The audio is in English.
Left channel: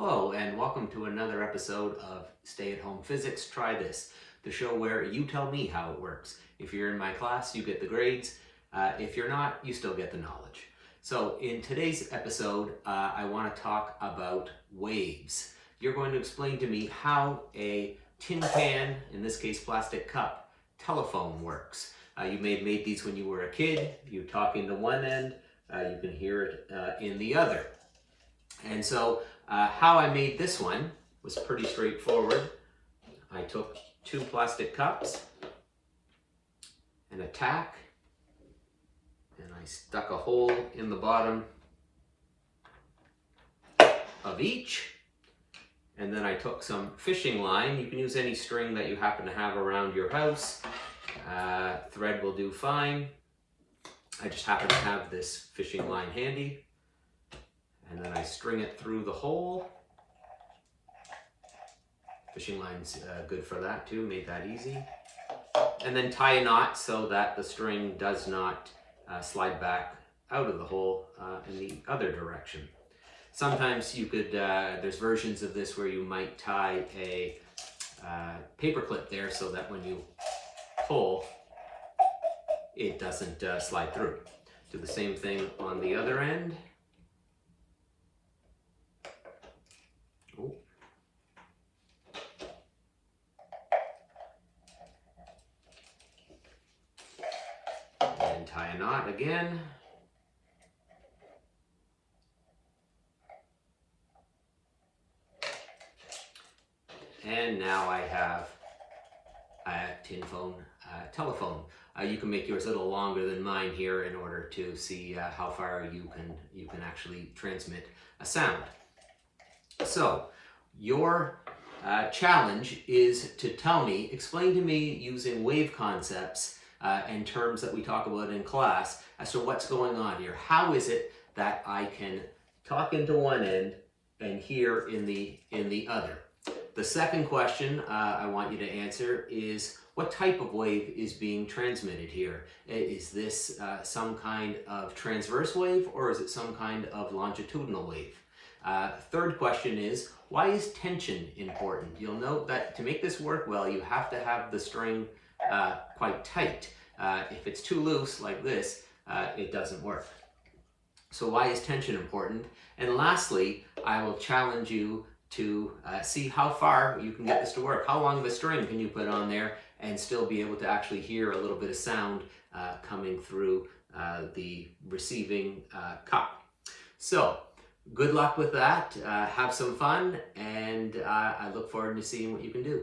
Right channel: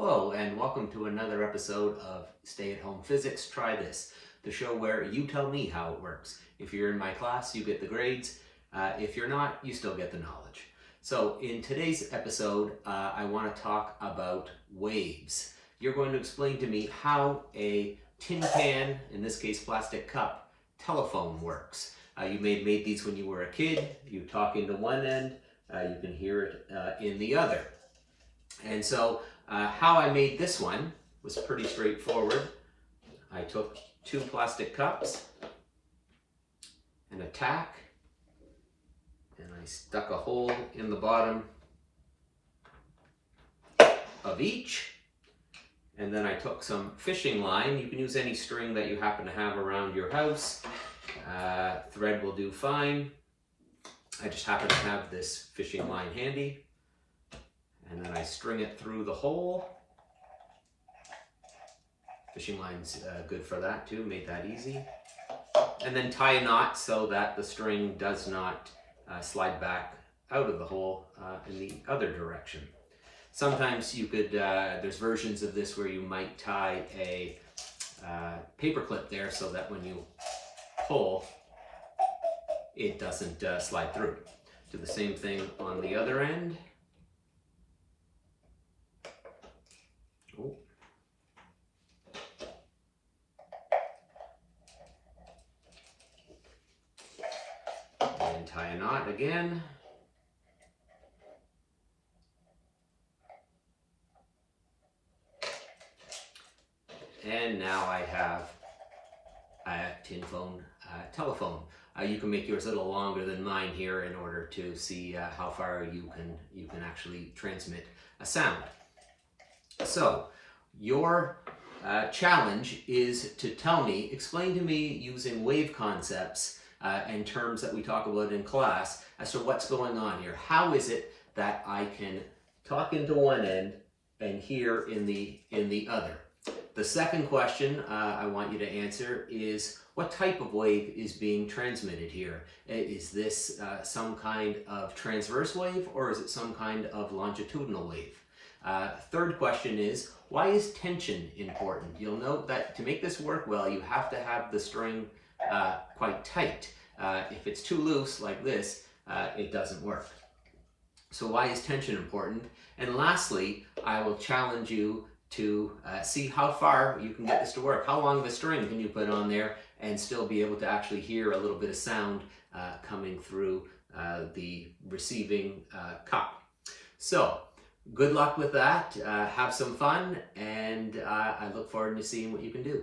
Hello and welcome to another episode of Stay at Home Physics, Try This, the show where you tell me how it works. If you're in my class, you get the grades. If you're not, you still get the knowledge. So in today's episode, I want to talk about waves. You're going to explain to me how a tin can, in this case plastic cup, telephone works. You may have made these when you were a kid. You talk into one end, you can hear it in the other. And so how I made this one was pretty straightforward. I took two plastic cups and a tack, and I stuck a hole in the bottom of each. And then I took some fishing line. You can use any string that you happen to have around your house. Thread will do fine. I just happen to have this fishing line handy. And then I string it through the hole. Fishing line's good for that too, made that easy. And then tie a knot so that the string does not slide back out of the hole in the other direction. Sometimes you could, there's versions of this where you might tie a paper clip there so that when you pull, it doesn't slide through. Do the same thing on the other end. And tie a knot again. And now I have a tin phone telephone. You can make yours a little longer than mine here in order to see how far you can actually transmit a sound. So your challenge is to explain to me using wave concepts and terms that we talk about in class as to what's going on here. How is it that I can talk into one end and hear in the other? The second question I want you to answer is, what type of wave is being transmitted here? Is this some kind of transverse wave, or is it some kind of longitudinal wave? Third question is, why is tension important? You'll note that to make this work well, you have to have the string quite tight. If it's too loose like this, it doesn't work. So why is tension important? And lastly, I will challenge you to see how far you can get this to work. How long of a string can you put on there and still be able to actually hear a little bit of sound coming through the receiving cup. So good luck with that. Have some fun, and I look forward to seeing what you can do.